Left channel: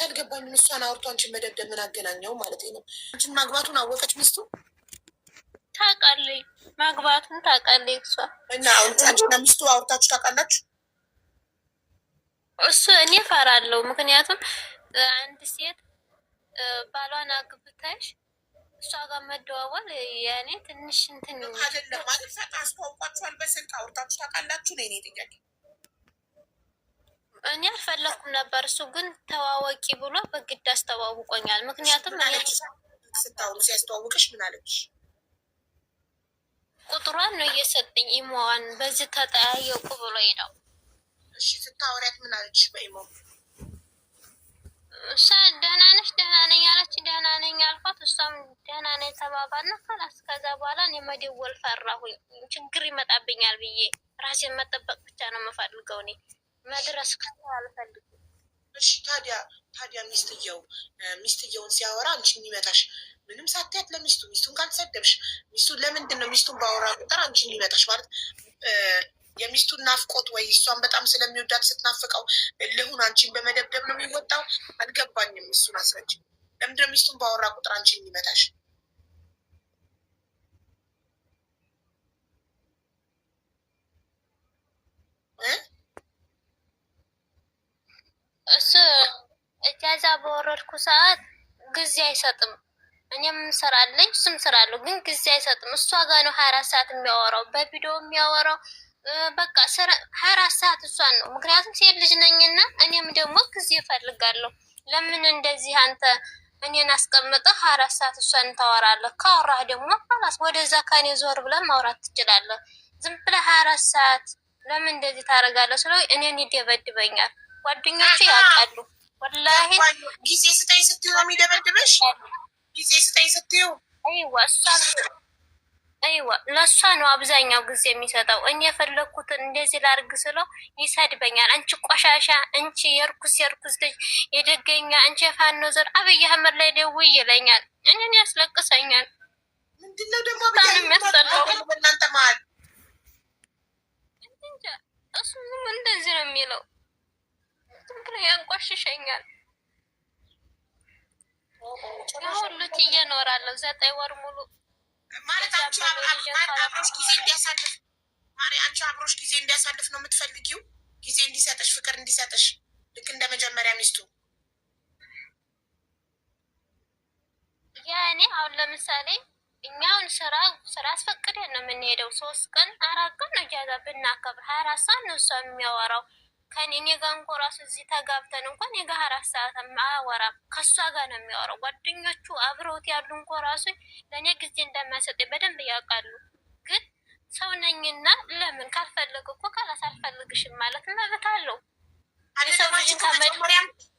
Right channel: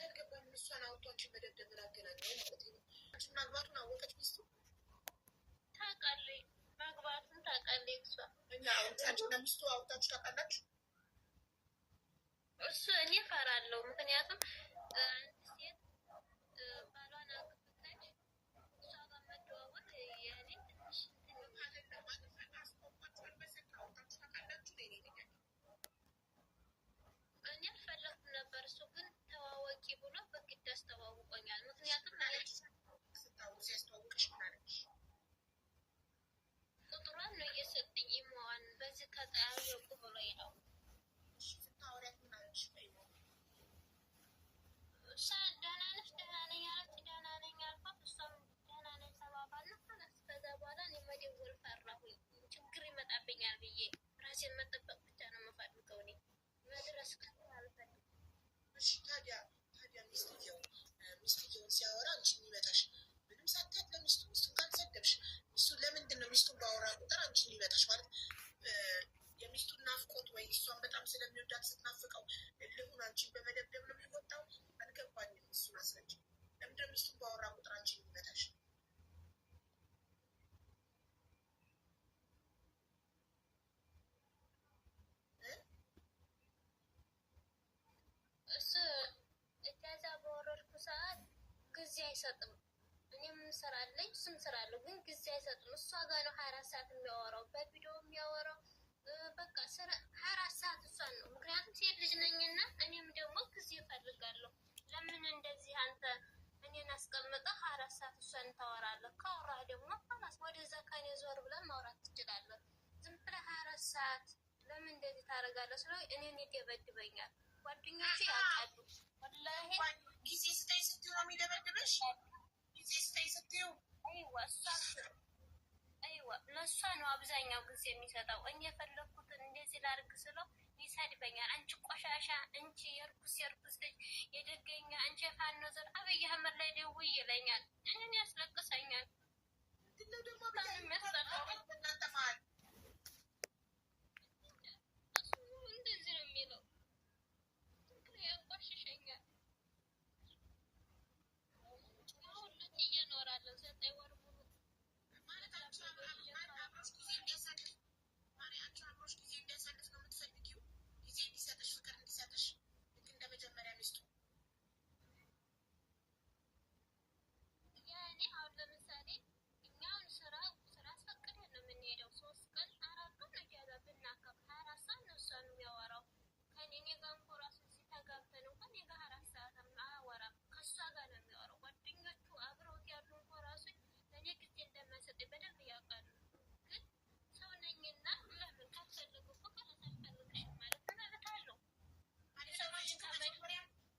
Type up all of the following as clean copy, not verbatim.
ማለት አልገባኝም። እሷን አውርቶ አንቺን መደብደብ ምን አገናኘው ማለት ነው? አንቺን ማግባቱን አወቀች ሚስቱ ታውቃለች፣ ማግባቱን ታውቃለች እሷ እና አንቺና ሚስቱ አውርታችሁ ታውቃላችሁ? እሱ እኔ እፈራለሁ። ምክንያቱም አንድ ሴት ባሏን አግብተሽ እሷ ጋር መደዋወል ያኔ ትንሽ እንትን አይደለም ማለት አስተዋውቋችኋል? በስልክ አውርታችሁ ታውቃላችሁ? ነው የኔ ጥያቄ። እኔ አልፈለኩም ነበር፣ እሱ ግን ተዋወቂ ብሎ በግድ አስተዋውቆኛል። ምክንያቱም ስታወሩ ሲያስተዋውቅሽ ምን አለች? ቁጥሯን ነው እየሰጠኝ ኢሞዋን በዚህ ተጠያየቁ ብሎኝ ነው። እሺ ስታወሪያት ምን አለች በኢሞ? እሷ ደህና ነሽ? ደህና ነኝ አለች። ደህና ነኝ አልኳት፣ እሷም ደህና ነኝ ተባባልና ከላስ። ከዛ በኋላ እኔ መደወል ፈራሁኝ፣ ችግር ይመጣብኛል ብዬ ራሴን መጠበቅ ብቻ ነው የምፈልገው። እኔ መድረስ አልፈልግም። እሺ ታዲያ ሚስትየውን ሲያወራ አንቺን የሚመታሽ ምንም ሳትያት ለሚስቱ ሚስቱን ካልተሰደብሽ ሚስቱ ለምንድን ነው ሚስቱን ባወራ ቁጥር አንቺን የሚመታሽ? ማለት የሚስቱን ናፍቆት ወይ እሷን በጣም ስለሚወዳት ስትናፍቀው እልሁን አንቺን በመደብደብ ነው የሚወጣው? አልገባኝም። እሱን አስረጅ። ለምንድን ነው ሚስቱን ባወራ ቁጥር አንቺን የሚመታሽ? እሱ እጃዛ በወረድኩ ሰዓት ጊዜ አይሰጥም። እኔም ስራለኝ እሱም ስራለሁ፣ ግን ጊዜ አይሰጥም። እሷ ጋር ነው 24 ሰዓት የሚያወራው፣ በቪዲዮ የሚያወራው። በቃ 24 ሰዓት እሷን ነው። ምክንያቱም ሴት ልጅ ነኝና እኔም ደግሞ ጊዜ እፈልጋለሁ። ለምን እንደዚህ አንተ እኔን አስቀምጠህ 24 ሰዓት እሷን ታወራለህ? ካወራህ ደግሞ ኋላስ ወደዛ ከኔ ዞር ብለን ማውራት ትችላለህ። ዝም ብለህ 24 ሰዓት ለምን እንደዚህ ታደርጋለህ? ስለው እኔን ይደበድበኛል። ጓደኞቹ ያውቃሉ። ወላሂ ጊዜ ስጠኝ ስትዩ ነው የሚደበድበሽ። ጊዜ ስጠኝ ስትዩ አይዋ ለእሷ ነው አብዛኛው ጊዜ የሚሰጠው። እኔ የፈለግኩትን እንደዚህ ላርግ ስለው ይሰድበኛል። አንቺ ቆሻሻ፣ አንቺ የርኩስ ልጅ፣ የደገኛ፣ አንቺ የፋኖ ዘር፣ አብይ አህመድ ላይ ደውይ ይለኛል። እኔን ያስለቅሰኛል። ምንድነው ደግሞ የሚያስጠላው? እናንተ መሀል እሱ እንደዚህ ነው የሚለው። ዝም ብሎ ያንቋሽሸኛል። የሁሉ ትዬ እኖራለሁ 9 ወር ሙሉ ማለት አንቺ አብሮሽ ጊዜ እንዲያሳልፍ አንቺ አብሮሽ ጊዜ እንዲያሳልፍ ነው የምትፈልጊው? ጊዜ እንዲሰጥሽ፣ ፍቅር እንዲሰጥሽ ልክ እንደ መጀመሪያ ሚስቱ። ያኔ አሁን ለምሳሌ እኛውን ስራ አስፈቅደን ነው የምንሄደው። 3 ቀን 4 ቀን ነው ጃዛ ብናከብር 24 ሰዓት ነው እሷ የሚያወራው ከኔ ጋር እንኳ ራሱ እዚህ ተጋብተን እንኳን እኔ ጋር 4 ሰዓት አያወራም። ከእሷ ጋር ነው የሚያወራው። ጓደኞቹ አብረውት ያሉ እንኳ ራሱ ለእኔ ጊዜ እንደማይሰጥ በደንብ ያውቃሉ። ግን ሰው ነኝና ለምን ካልፈለግ እኮ ካላስ አልፈልግሽም ማለት መብት አለው።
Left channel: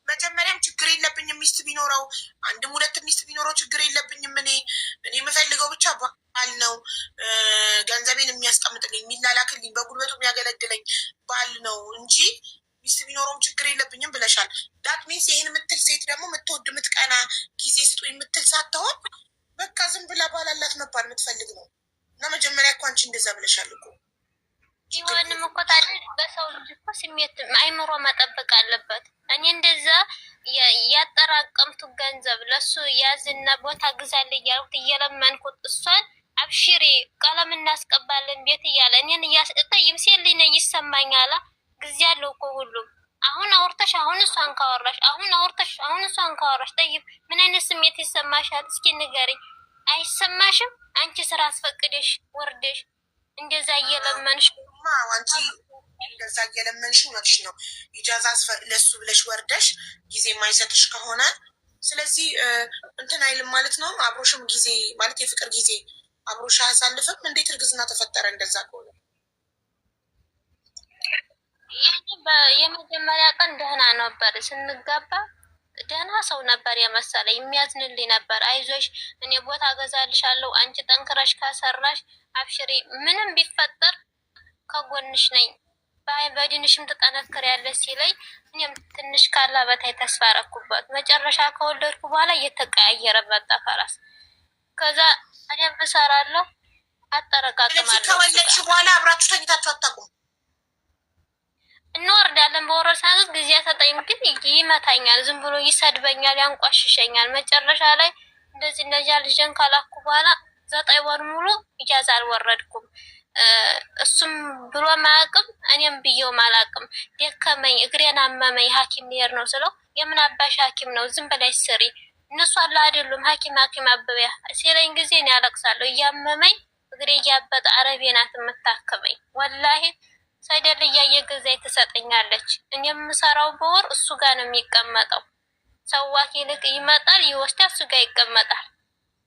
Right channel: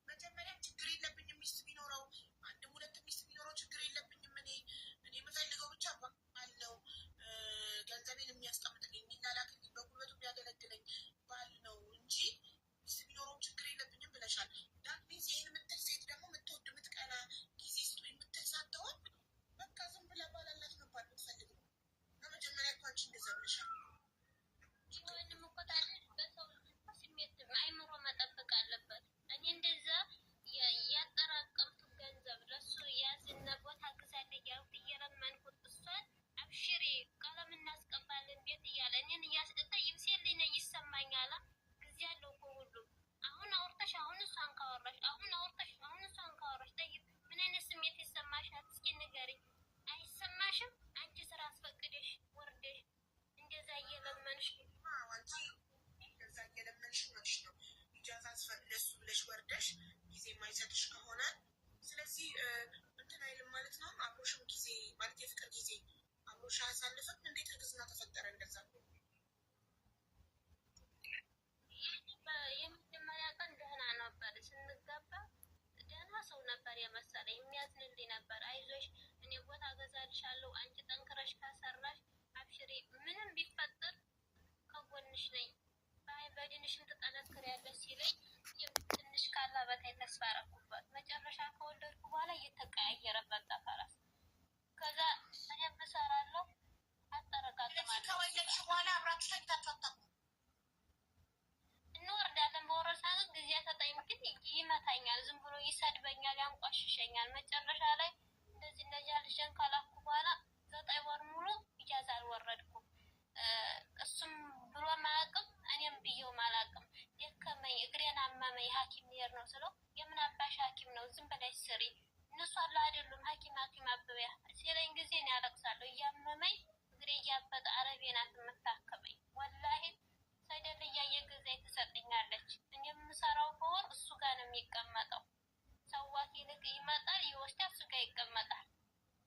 መጀመሪያም ችግር የለብኝም ሚስት ቢኖረው 1-2 ሚስት ቢኖረው ችግር የለብኝም። እኔ የምፈልገው ብቻ ባል ነው። ገንዘቤን የሚያስቀምጥልኝ፣ የሚላላክልኝ፣ በጉልበቱ የሚያገለግለኝ ባል ነው እንጂ ሚስት ቢኖረውም ችግር የለብኝም ብለሻል። ዳት ሚንስ ይህን የምትል ሴት ደግሞ የምትወድ የምትቀና፣ ጊዜ ስጡ የምትል ሳትሆን በቃ ዝም ብላ ባላላት መባል የምትፈልግ ነው። እና መጀመሪያ እኮ አንቺ እንደዛ ብለሻል እኮ። ይሆንም እኮ ታዲያ በሰው ልጅ እኮ ስሜት አይምሮ መጠበቅ አለበት። እኔ እንደዛ ያጠራቀምቱ ገንዘብ ለሱ ያዝና ቦታ ግዛል እያልኩት እየለመንኩት እሷን አብሽሪ ቀለም እናስቀባለን ቤት እያለ እኔን እያስጠይም ሴት ልጅ ነኝ ይሰማኛል። ጊዜ አለው እኮ ሁሉም። አሁን አውርተሽ አሁን እሷን ካወራሽ አሁን አውርተሽ አሁን እሷን ካወራሽ ጠይብ ምን አይነት ስሜት ይሰማሻል? እስኪ ንገሪኝ። አይሰማሽም? አንቺ ስራ አስፈቅደሽ ወርደሽ እንደዛ እየለመንሽ አንቺ እንደዛ እየለመንሽ እውነትሽ ነው። ኢጃዛ ለሱ ብለሽ ወርደሽ ጊዜ የማይሰጥሽ ከሆነ ስለዚህ እንትን አይልም ማለት ነው። አብሮሽም ጊዜ ማለት የፍቅር ጊዜ አብሮሽ አያሳልፍም። እንዴት እርግዝና ተፈጠረ? እንደዛ ከሆነ የመጀመሪያ ቀን ደህና ነበር ስንጋባ፣ ደህና ሰው ነበር የመሰለ የሚያዝንልኝ ነበር። አይዞሽ እኔ ቦታ ገዛልሻለሁ፣ አንቺ ጠንክረሽ ካሰራሽ አብሽሪ፣ ምንም ቢፈጠር ከጎንሽ ነኝ፣ በድንሽም ትጠነክሪያለሽ ሲለኝ እኔም ትንሽ ካላ በታይ ተስፋ አደረኩበት። መጨረሻ ከወለድኩ በኋላ እየተቀያየረ መጣ። ከራስ ከዛ እኔም እሰራለሁ አጠረቃቅማለሁ። ከወለድሽ በኋላ አብራችሁ ተኝታችሁ አታውቁም? እንወርዳለን። በወረድ ሰዓት ጊዜ ሰጠኝ፣ ግን ይመታኛል፣ ዝም ብሎ ይሰድበኛል፣ ያንቋሽሸኛል። መጨረሻ ላይ እንደዚህ እነዚያ ልጅን ካላኩ በኋላ 9 ወር ሙሉ ኢጃዛ አልወረድኩም። እሱም ብሎ ማያውቅም፣ እኔም ብዬው ማላውቅም። ደከመኝ፣ እግሬን አመመኝ፣ ሐኪም ልሄድ ነው ስለው የምን አባሽ ሐኪም ነው ዝም በላይ ስሪ፣ እነሱ አለ አይደሉም ሐኪም አበቢያ ሲለኝ ጊዜ እኔ ያለቅሳለሁ። እያመመኝ እግሬ እያበጠ አረቤ ናት የምታክመኝ። ወላሂ ሰደል እያየገዛኝ ትሰጠኛለች። እኔ የምሰራው በወር እሱ ጋር ነው የሚቀመጠው። ሰዋኪ ልክ ይመጣል ይወስዳል፣ እሱ ጋር ይቀመጣል።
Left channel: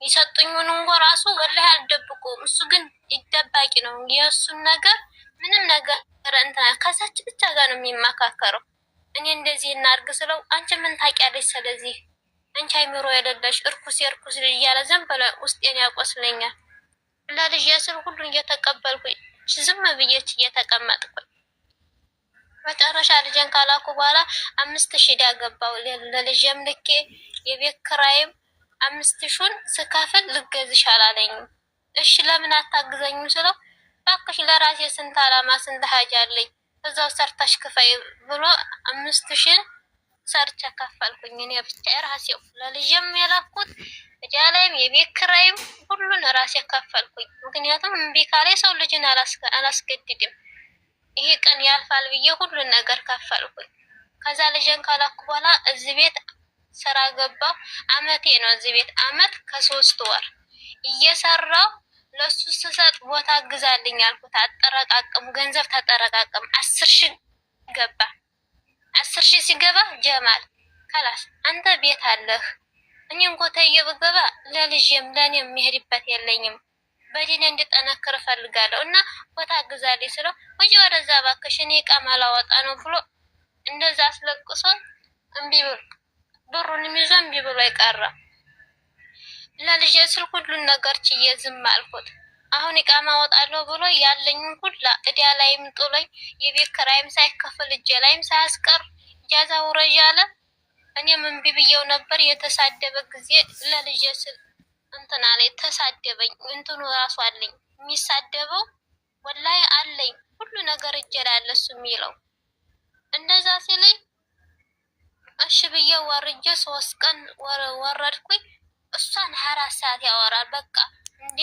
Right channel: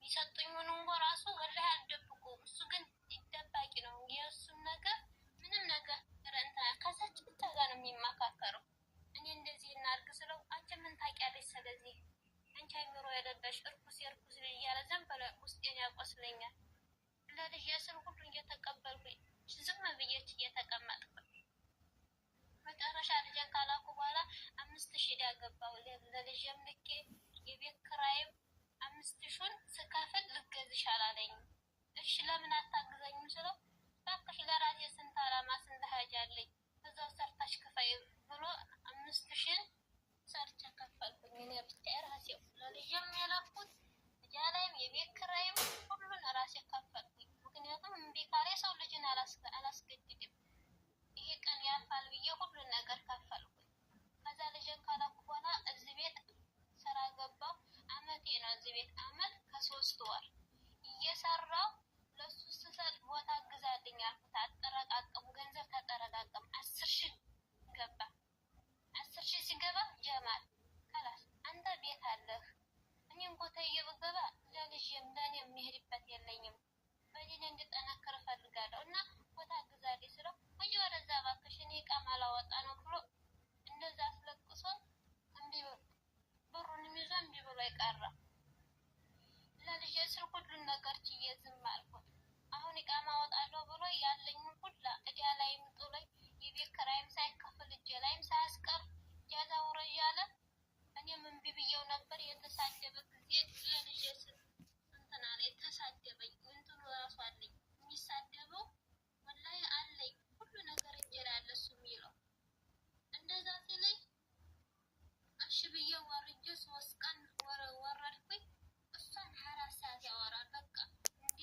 የሰጡኝን እንኳ ራሱ ወላሂ አልደብቁም። እሱ ግን ይደባቂ ነው። የእሱን ነገር ምንም ነገር እንትና ከዛች ብቻ ጋር ነው የሚመካከረው። እኔ እንደዚህ እናርግ ስለው አንቺ ምን ታውቂያለሽ? ስለዚህ አንቺ አይምሮ የሌለሽ እርኩስ የእርኩስ ልጅ እያለ ዝም ብሎ ውስጤን ያቆስለኛል። ለልጅ ስል ሁሉን እየተቀበልኩኝ ዝም ብዬች እየተቀመጥኩኝ መጨረሻ ልጅን ካላኩ በኋላ 5000 ዕዳ ገባው። ለልጅም ልኬ የቤት ክራይም 5000ን ስከፍል ልገዝሽ አላለኝም። እሺ ለምን አታግዘኝም ስለው እባክሽ ለራሴ ስንት አላማ ስንት ሀጃ አለኝ እዛው ሰርተሽ ክፈይ ብሎ 5000ን ሰርቼ ከፈልኩኝ። እኔ ብቻ ራሴው ለልጅም የላኩት እጃ ላይም የቤት ክራይም ሁሉን ራሴ ከፈልኩኝ። ምክንያቱም እምቢ ካለኝ ሰው ልጅን አላስገድድም። ይሄ ቀን ያልፋል ብዬ ሁሉን ነገር ከፈልኩኝ። ከዛ ልጅን ካላኩ በኋላ እዚህ ቤት ስራ ገባሁ። አመቴ ነው እዚህ ቤት አመት ከ3 ወር እየሰራሁ ለሱ ስሰጥ ቦታ ግዛልኝ አልኩት። አጠረቃቅም ገንዘብ ተጠረቃቅም 10,000 ገባ። 10,000 ሲገባ ጀማል ከላስ አንተ ቤት አለህ፣ እኔም ኮተዬ ብገባ ለልጅም ለኔም የሚሄድበት የለኝም፣ በዲኔ እንድጠነክር እፈልጋለሁ እና ቦታ ግዛልኝ ስለው ወጂ ወደዛ እባክሽ እኔ ዕቃ ማላወጣ ነው ብሎ እንደዛ አስለቅሶ እምቢ ብሎ ብሩን ይዞ እምቢ ብሎ ይቀራ። ለልጄ ስል ሁሉን ነገር ችዬ ዝም አልኩት። አሁን ዕቃ ማወጣለሁ ብሎ ያለኝን ሁላ እዳ ላይም ጥሎኝ የቤት ኪራይም ሳይከፍል እጄ ላይም ሳያስቀር ኢጃዛ ውረጅ አለ። እኔም እምቢ ብዬው ነበር። የተሳደበ ጊዜ ለልጄ ስል እንትና ላይ ተሳደበኝ። እንትኑ ራሱ አለኝ የሚሳደበው ወላሂ አለኝ ሁሉ ነገር እጄ ላይ አለ እሱ የሚለው እንደዛ ሲለኝ እሺ ብዬ ወርጄ 3 ቀን ወረድኩኝ። እሷን 24 ሰዓት ያወራል። በቃ እንዴ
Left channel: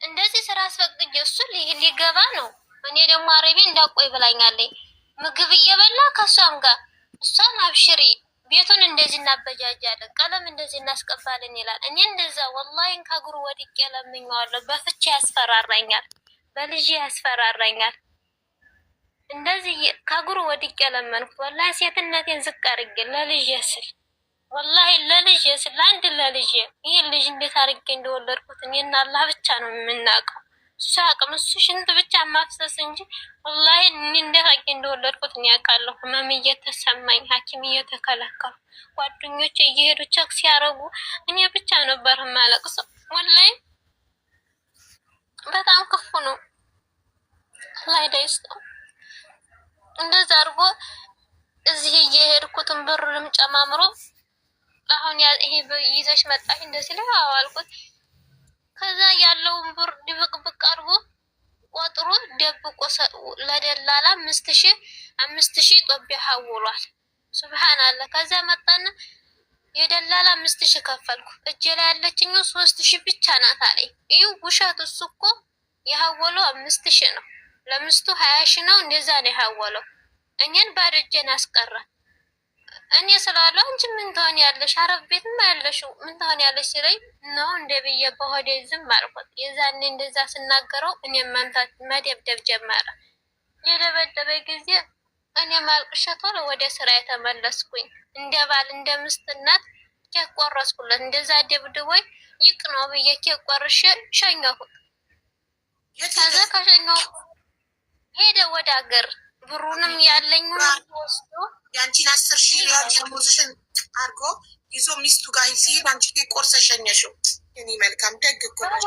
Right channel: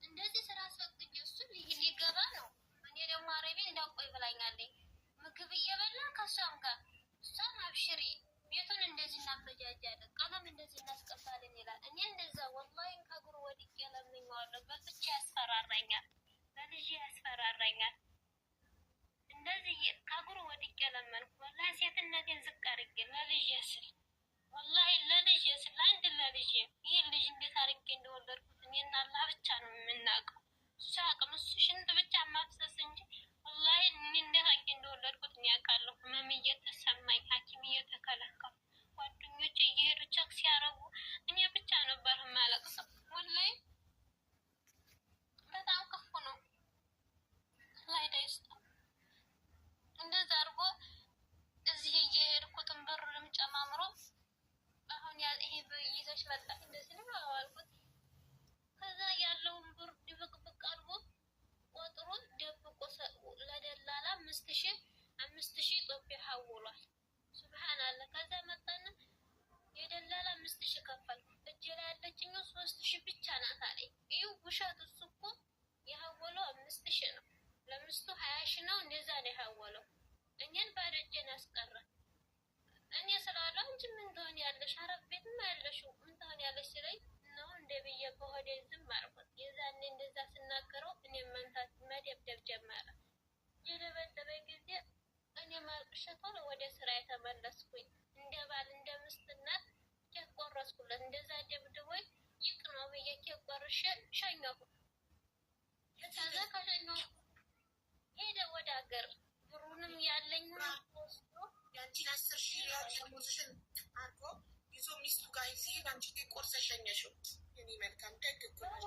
እንደዚህ ስራ አስፈቅጄ እሱ ሊገባ ነው። እኔ ደግሞ አረቤ እንዳቆይ ብላኛለኝ። ምግብ እየበላ ከሷም ጋር እሷን አብሽሪ ቤቱን እንደዚህ እናበጃጃለን፣ ቀለም እንደዚህ እናስቀባለን ይላል። እኔ እንደዛ ወላሂ ከእግሩ ወድቄ ለምኜዋለሁ። በፍቼ ያስፈራራኛል፣ በልጅ ያስፈራራኛል። እንደዚህ ከእግሩ ወድቄ ለመንኩት። ወላሂ ሴትነቴን ዝቅ አድርጌ ለልጅ ስል ወላሂ ለልጅ ስል ለአንድ ለልጅ ይህ ልጅ እንዴት አድርጌ እንደወለድኩት እኔና አላህ ብቻ ነው የምናውቀው። እሱ አቅም እሱ ሽንት ብቻ ማፍሰስ እንጂ ወላሂ እኔ እንዴት አድርጌ እንደወለድኩት እኔ አውቃለሁ። ህመም እየተሰማኝ ሐኪም እየተከለከሉ ጓደኞቼ እየሄዱ ቸክ ሲያደርጉ እኔ ብቻ ነበር የማለቅሰው። ወላሂ በጣም ክፉ ነው። አላህ ይስጠው። እንደዛ አድርጎ እዚህ እየሄድኩትን ብሩንም ጨማምሮ አሁን ይሄ ይዘሽ መጣሽ እንደዚህ ላይ አዋልኩት። ከዛ ያለውን ብር ድብቅብቅ አድርጎ ቆጥሮ ደብቆ ለደላላ 5,000 ጦቢያ ሐውሏል። ሱብሃንአላህ። ከዛ መጣና የደላላ 5,000 ከፈልኩ። እጄ ላይ ያለችኝ 3,000 ብቻ ናት አለኝ። ይኸው ውሸት። እሱ እኮ የሐወለው 5,000 ነው። ለምስቱ 20,000 ነው። እንደዛ ነው የሐወለው። እኛን ባዶ እጄን አስቀረ። እኔ ስላለው አንቺ ምን ትሆን ያለሽ አረብ ቤትማ ያለሽው ምን ትሆን ያለሽ ሲለኝ ነው እንደ ብዬ በሆዴ ዝም አልኩት። የዛኔ እንደዛ ስናገረው እኔም መምታት መደብደብ ጀመረ። የደበደበ ጊዜ እኔ ማልቅሼ ቶሎ ወደ ስራ የተመለስኩኝ። እንደ ባል እንደ ምስትነት ኬክ ቆረስኩለት። እንደዛ ደብድቦኝ ይቅ ነው ብዬ ኬክ ቆርሼ ሸኘሁት። ከዛ ከሸኘሁ ሄደ ወደ ሀገር። ብሩንም ያለኝን ወስዶ ያንቺን 10,000 ሪያል ደሞዝሽን አድርጎ ይዞ ሚስቱ ጋር ሲሄድ አንቺ ቆርሰሽ ሸኘሽው። እኔ መልካም ደግ እኮ ነው።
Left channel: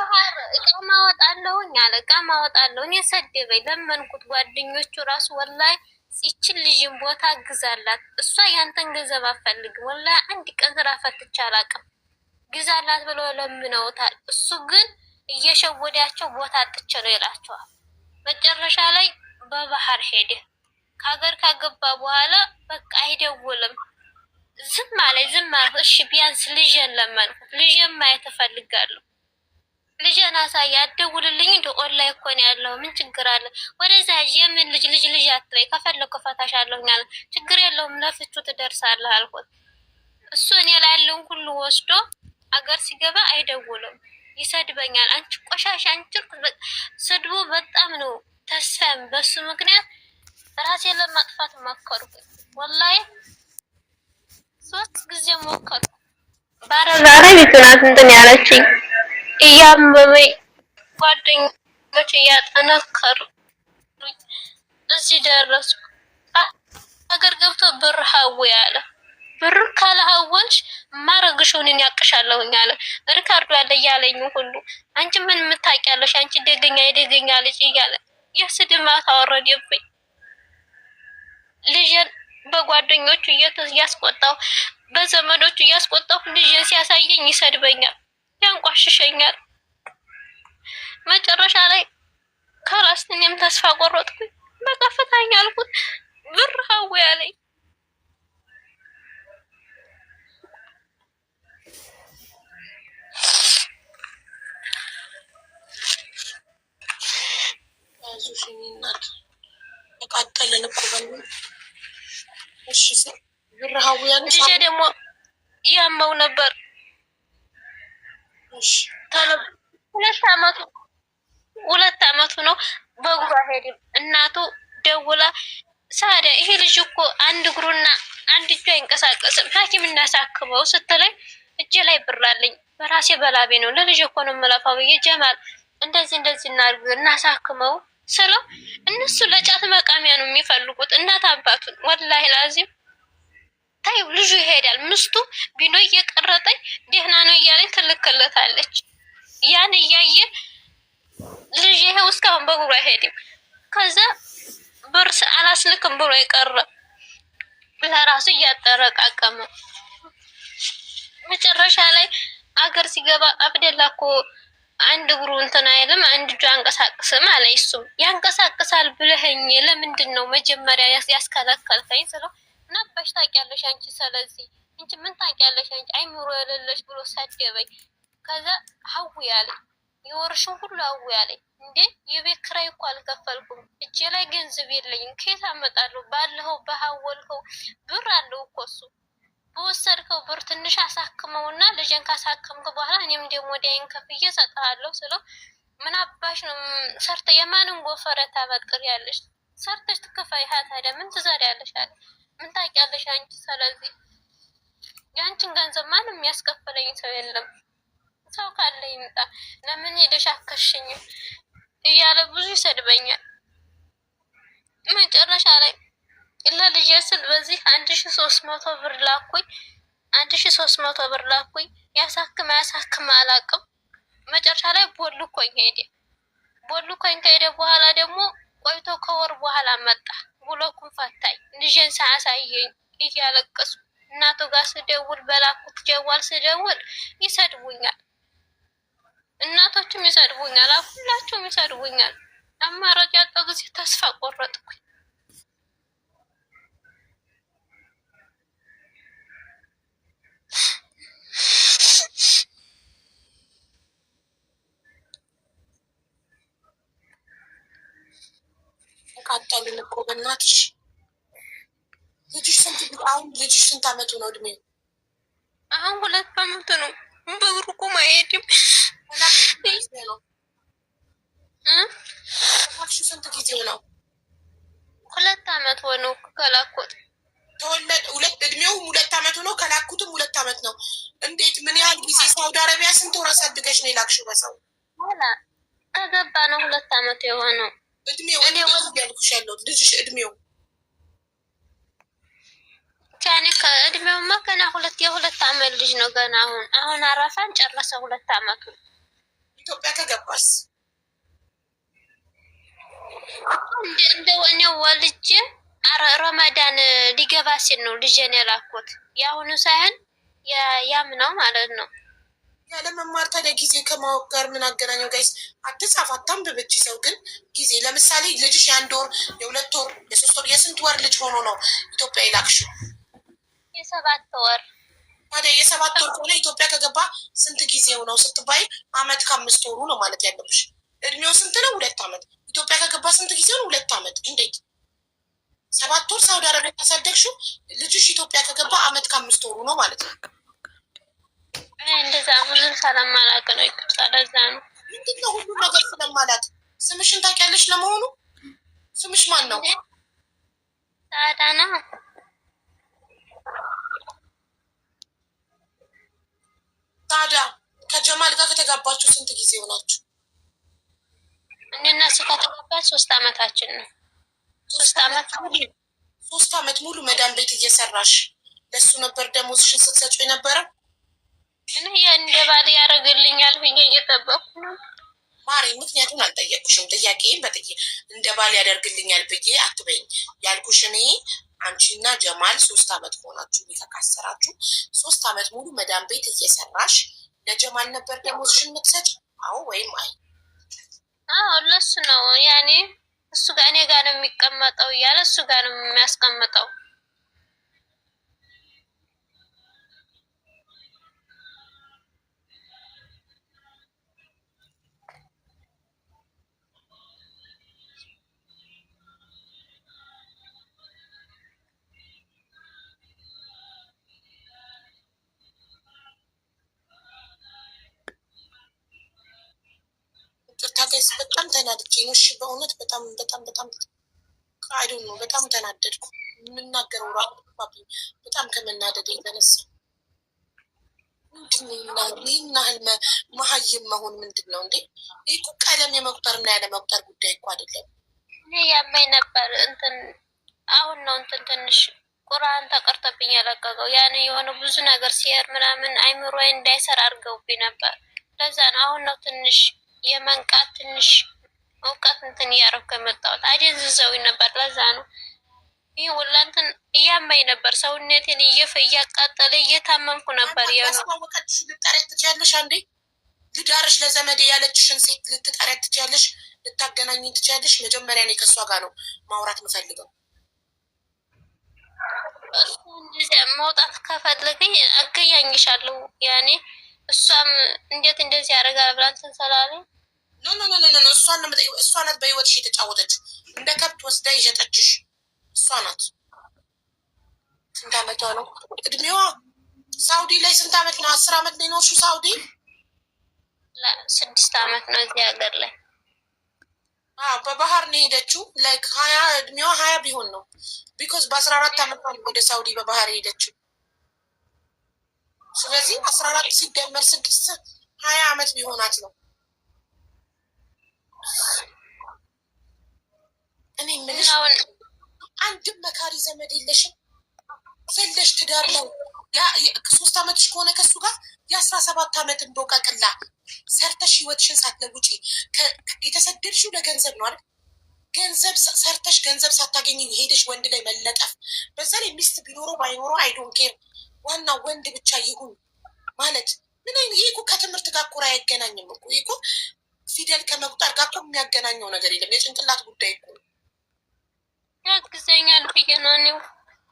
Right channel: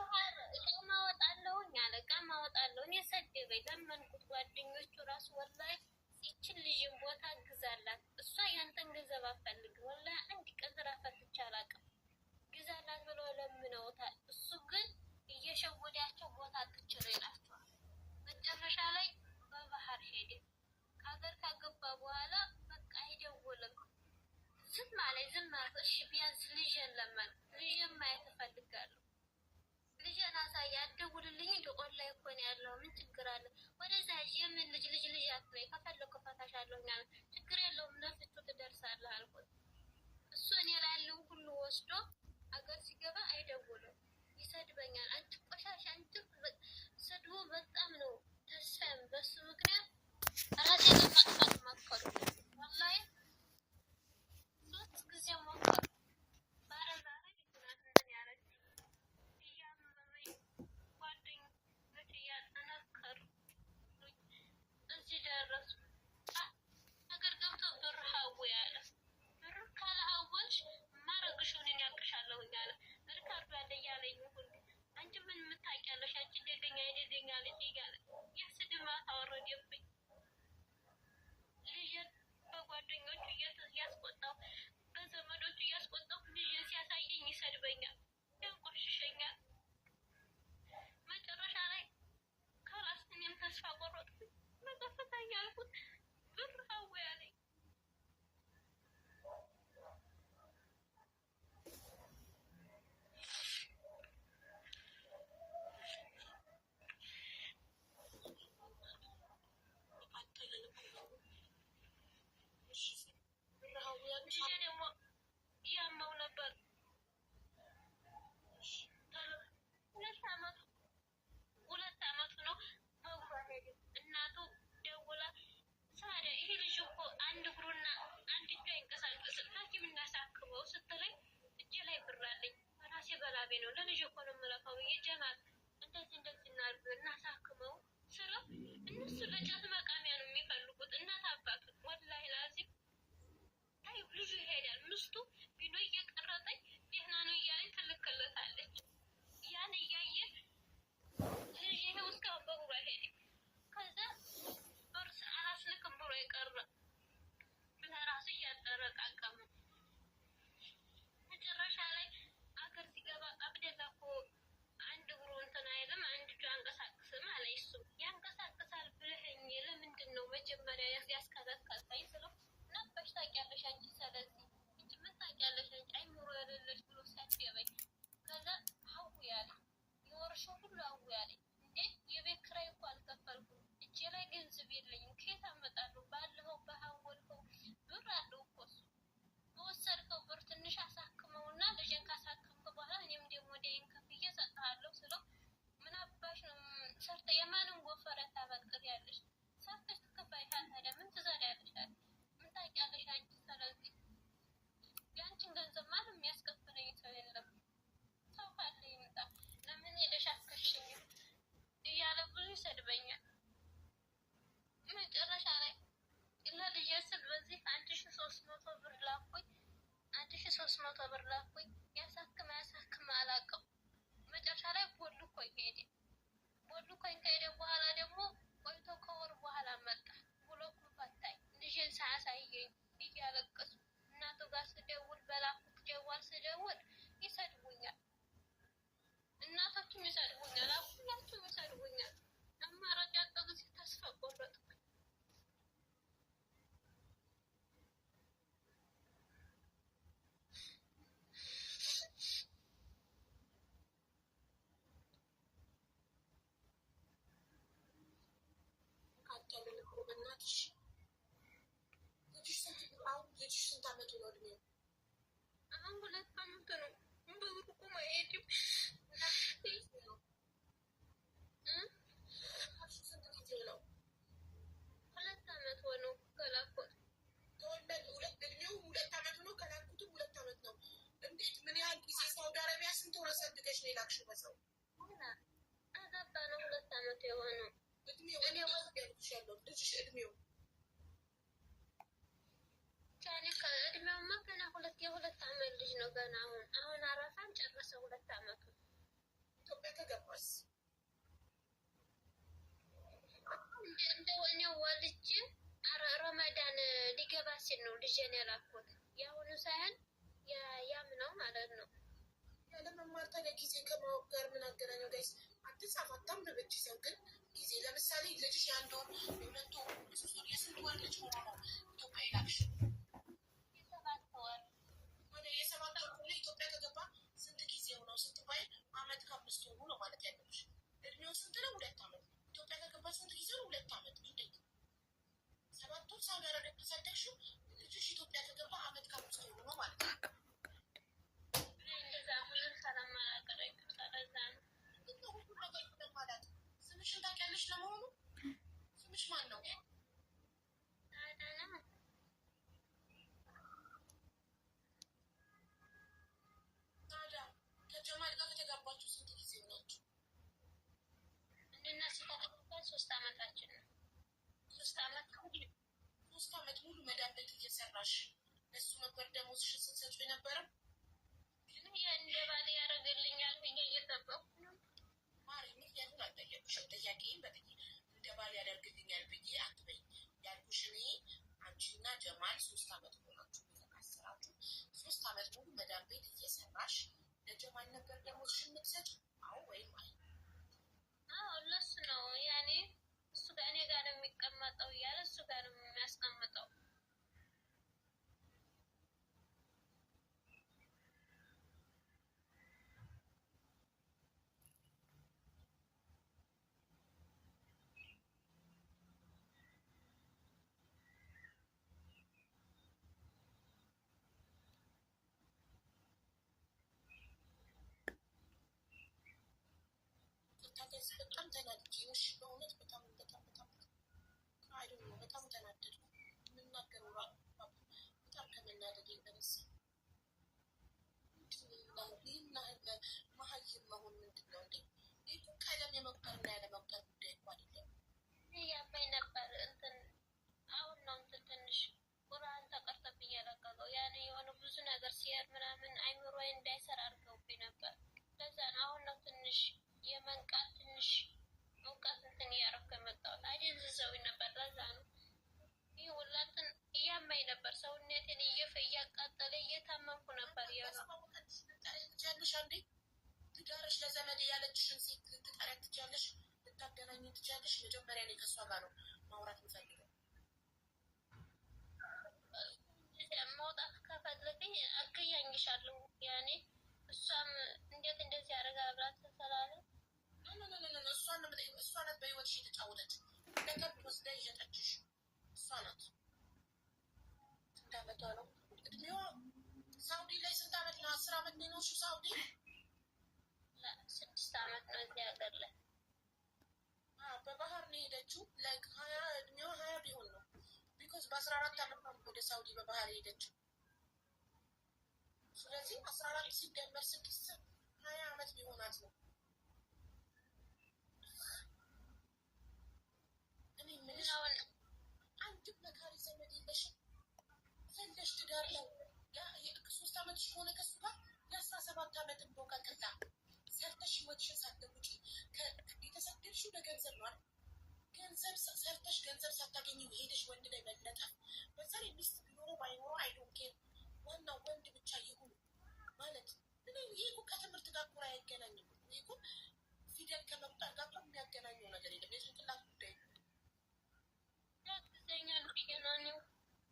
እቃ ማወጣለሁኝ አለ። እቃ ማወጣለሁ። እኔ ሰደበኝ፣ ለመንኩት። ጓደኞቹ ራሱ ወላሂ ይችን ልጅን ቦታ ግዛላት፣ እሷ ያንተን ገንዘብ አፈልግም፣ ወላሂ አንድ ቀን ስራ ፈትቼ አላውቅም፣ ግዛላት ብለው ለምነውታል። እሱ ግን እየሸወዳቸው ቦታ አጥቼ ነው ይላቸዋል። መጨረሻ ላይ በባህር ሄደ። ከሀገር ካገባ በኋላ በቃ አይደውልም። ዝም አለኝ። እሺ ቢያንስ ልጄን ለመንኩት። ልጄን ማየት እፈልጋለሁ። ልጄን አሳይ፣ አትደውልልኝ። እንደ ኦንላይን እኮ ነው ያለው፣ ምን ችግር አለ? ወደዛ የምን ልጅ አትበይ፣ ከፈለኩ እፈታሻለሁ አለ። ችግር የለውም ለፍቹ ትደርሳለህ አልኩት። እሱ እኔ ላይ ያለውን ሁሉ ወስዶ አገር ሲገባ አይደውልም፣ ይሰድበኛል። አንቺ ቆሻሻ፣ አንቺ ስድቡ በጣም ነው። ተስፋም በሱ ምክንያት ራሴን ለማጥፋት ሞከርኩ። ወላሂ 3 ጊዜ ሞከርኩ። ባረዛሬ ቤትናት እንትን ያለችኝ እያመመኝ ጓደኞች እያጠነከሩ እዚህ ደረስኩ። ሀገር ገብቶ ብር ሀው ያለ ብር ካለሀወልሽ ማረግሽውን ያቅሻለሁኝ አለ። ሪካርዶ ያለ እያለኝ ሁሉ አንቺ ምን የምታውቂያለሽ? አንቺ የደገኛ ልጅ እያለ የስድማት አወረደብኝ። ልጅን በጓደኞቹ እያስቆጣሁ በዘመዶቹ እያስቆጣሁ ልጅን ሲያሳየኝ ይሰድበኛል፣ ያንቋሽሸኛል። መጨረሻ ላይ ከራስ እኔም ተስፋ ቆረጥኩኝ። በቃ ፍታኝ አልኩት። ብር ሀው ያለኝ ያዙሽኝናት ተቃጠልን እኮ በሉ። እሺ ብር ሀው ያለሽ ልጄ ደግሞ ያመው ነበር። እሺ 2 አመቱ ነው። በእግሩ አይሄድም። እናቱ ደውላ ሳዲያ ይሄ ልጅ እኮ አንድ እግሩና አንድ እጁ አይንቀሳቀስም፣ ሐኪም እናሳክመው ስትለኝ እጄ ላይ ብር አለኝ በራሴ በላቤ ነው ለልጅ እኮ ነው የምለፋው ብዬ ጀማል እንደዚህ እናድርግ እናሳክመው ስለው እነሱ ለጫት መቃሚያ ነው የሚፈልጉት እናት አባቱን። ወላሂ ላዚም ታዩ ልጁ ይሄዳል። ምስቱ ቢኖ እየቀረጠኝ ደህና ነው እያለኝ ትልክለታለች። ያን እያየ ልጅ ይሄው እስካሁን በእግሩ አይሄድም። ከዛ ብር አላስልክም ብሎ የቀረ ለራሱ እያጠረቃቀመ መጨረሻ ላይ አገር ሲገባ አብደላ እኮ አንድ እግሩ እንትን አይልም አንድ እጁ አንቀሳቅስም አለ። እሱም ያንቀሳቅሳል ብለኸኝ ለምንድን ነው መጀመሪያ ያስከለከልከኝ ስለው ነበሽ ታውቂያለሽ አንቺ፣ ስለዚህ እንጂ ምን ታውቂያለሽ አንቺ አይምሮ የሌለሽ ብሎ ሰደበኝ። ከዛ ሀው ያለኝ የወርሽን ሁሉ ሀው ያለኝ እንዴ የቤት ኪራይ እኮ አልከፈልኩም፣ እጄ ላይ ገንዘብ የለኝም፣ ከየት አመጣለሁ? ባለኸው በሀወልከው ብር አለው እኮ እሱ በወሰድከው ብር ትንሽ አሳክመውና ልጅን ካሳከምክ በኋላ እኔም ደግሞ ዳይን ከፍዬ እሰጥሃለሁ ስለው ምን አባሽ ነው ሰርተ የማንን ጎፈረ ታበጥሪያለሽ? ሰርተሽ ትከፋይሃ ታዲያ ምን ትዘሪያለሽ አለ። ምን ታውቂያለሽ አንቺ፣ ስለዚህ የአንቺን ገንዘብ ማንም የሚያስከፍለኝ ሰው የለም፣ ሰው ካለ ይምጣ፣ ለምን ሄደሽ አከሽኝም እያለ ብዙ ይሰድበኛል። መጨረሻ ላይ ለልጄ ስል በዚህ 1300 ብር ላኩኝ። 1300 ብር ላኩኝ። ያሳክም አላውቅም። መጨረሻ ላይ ቦልኮኝ ሄደ። ቦልኮኝ ከሄደ በኋላ ደግሞ ቆይቶ ከወር በኋላ መጣ። ብሎኩን ፈታኝ። ልጄን ሳያሳየኝ እያለቀሱ እናቱ ጋር ስደውል በላኩት ጀዋል ስደውል ይሰድቡኛል። እናቶችም ይሰድቡኛል። ሁላቸውም ይሰድቡኛል። አማራጭ ያጣሁ ጊዜ ተስፋ ቆረጥኩኝ። ተቃጠልን እኮ በእናትሽ። ልጅሽ ስንት አመቱ ነው እድሜው? አሁን 2 አመቱ ነው። በእግሩ ቁም አይሄድም። ስንት ጊዜው ነው? 2 አመት ሆነው ከላኩት ተወለደ። እድሜው 2 አመቱ ነው። ከላኩትም 2 አመት ነው። እንዴት ምን ያህል ጊዜ? ሳውዲ አረቢያ ስንት ወር አሳድገሽ ነው የላክሽው? በሰው ከገባ ነው 2 አመት የሆነው። እድሜው ያልኩሽ ያለው ልጅሽ እድሜው ያኔ ከእድሜውማ ገና 2 አመት ልጅ ነው ገና። አሁን አረፋን ጨረሰ 2 አመቱ። ኢትዮጵያ ከገባስ እንደው እኔው ወልጄ ረመዳን ሊገባ ሲል ነው ልጄን የላኩት። የአሁኑ ሳይሆን ያምነው ማለት ነው። ያለመማር ታዲያ ጊዜ ከማወቅ ጋር ምን አገናኘው? ጋይስ አትጻፍ አታንብበች። ሰው ግን ጊዜ ለምሳሌ ልጅሽ የአንድ ወር የሁለት ወር የሶስት ወር የስንት ወር ልጅ ሆኖ ነው ኢትዮጵያ ይላክሽው? የሰባት ወር። ታዲያ የሰባት ወር ከሆነ ኢትዮጵያ ከገባ ስንት ጊዜው ነው ስትባይ አመት ከአምስት ወሩ ነው ማለት ያለብሽ። እድሜው ስንት ነው? 2 አመት። ኢትዮጵያ ከገባ ስንት ጊዜው ነው? 2 አመት። እንዴት 7 ወር ሳውዲ አረቢያ ካሳደግሽው ልጅሽ ኢትዮጵያ ከገባ አመት ከአምስት ወሩ ነው ማለት ነው። እንደዛ ብዙም ስለማላውቅ ነው። ይቅርታ። ለዛ ነው። ምንድነው ሁሉ ነገር ስለማላውቅ። ስምሽን ታውቂያለሽ? ለመሆኑ ስምሽ ማን ነው? ሳዳ ነው። ሳዳ ከጀማል ጋር ከተጋባችሁ ስንት ጊዜ ሆናችሁ? እኔና እሱ ከተጋባን 3 አመታችን ነው። 3 አመት ሙሉ መዳም ቤት እየሰራሽ ለሱ ነበር ደሞዝሽን ስትሰጪው የነበረው? እኔ እንደ ባል ያደርግልኛል ብዬ እየጠበኩ ነው ማሪ። ምክንያቱም አልጠየቅኩሽም። ጥያቄን እንደ ባል ያደርግልኛል ብዬ አትበይኝ። ያልኩሽ እኔ አንቺና ጀማል 3 አመት ሆናችሁ የተካሰራችሁ። 3 አመት ሙሉ መዳም ቤት እየሰራሽ ለጀማል ነበር ደሞዝሽን የምትሰጪ? አዎ ወይም አይ? አዎ ለሱ ነው። ያኔ እሱ ጋር እኔ ጋር ነው የሚቀመጠው እያለ እሱ ጋር ነው የሚያስቀምጠው። በጣም ተናድጄ ነው። እሺ በእውነት በጣም በጣም በጣም አይዶ ነው። በጣም ተናደድኩ። የምናገረው ራሱ በጣም ከመናደድ የተነሳ ይህን ያህል መሀይም መሆን ምንድን ነው እንዴ? ይህ እኮ ቀለም የመቁጠርና ያለ መቁጠር ጉዳይ እኮ አይደለም። እኔ ያመኝ ነበር እንትን አሁን ነው እንትን ትንሽ ቁርአን ተቀርተብኝ የለቀቀው ያን የሆነ ብዙ ነገር ሲሄድ ምናምን አይምሮ እንዳይሰራ አድርገውብኝ ነበር። ለዛ ነው አሁን ነው ትንሽ የመንቃት ትንሽ እውቀት እንትን እያደረኩ የመጣሁት። አደንዝዘውኝ ነበር። ለዛ ነው ይህ ሁላ እንትን እያማኝ ነበር። ሰውነቴን እያቃጠለ እየታመምኩ ነበር። ያስማወቀችሽ ልጠሪያት ትችያለሽ። አንዴ ልዳርሽ ለዘመዴ ያለችሽን ሴት ልትጠሪያት ትችያለሽ፣ ልታገናኝ ትችያለሽ። መጀመሪያ እኔ ከእሷ ጋር ነው ማውራት የምፈልገው። መውጣት ከፈለገኝ አገያኝሻለሁ። ያኔ እሷም እንዴት እንደዚህ ያደርጋል ብላ እንትን ስላለኝ ኖ እሷን ነው የምጠይቀው። እሷ ናት በህይወትሽ የተጫወተችው። እንደ ከብት ወስዳ የሸጠችሽ እሷ ናት። ስንት አመቷ ነው? እድሜዋ ሳውዲ ላይ ስንት አመት ነው? 10 አመት ነው የኖርሽው ሳውዲ? 6 አመት ነው እዚህ ሀገር ላይ። በባህር ነው የሄደችው። ላይክ 20 እድሜዋ 20 ቢሆን ነው። ቢኮዝ በ14 አመት ነው ወደ ሳውዲ በባህር የሄደችው። ስለዚህ 14 ሲደመር 6 20 አመት ቢሆናት ነው። እኔ የምልሽ አንድም መካሪ ዘመድ የለሽም? ዘለሽ ትዳር ነው 3 አመትሽ ከሆነ ከሱ ጋር የ17 አመት እንቦቀቅላ ሰርተሽ ህይወትሽን ሳትለውጪ የተሰደድሽው ለገንዘብ ነው አይደል? ገንዘብ ሰርተሽ ገንዘብ ሳታገኝ ሄደሽ ወንድ ላይ መለጠፍ። በዛ ላይ ሚስት ቢኖረው ባይኖረው አይዶን ኬር፣ ዋናው ወንድ ብቻ ይሁን ማለት ምን አይነት ይሄ እኮ ከትምህርት ጋር እኮ አይገናኝም እኮ። ይሄ እኮ ፊደል ከመቁጠር ጋር እኮ የሚያገናኘው ነገር የለም። የጭንቅላት ጉዳይ እኮ ያግዘኛል ብዬ ነው እኔው።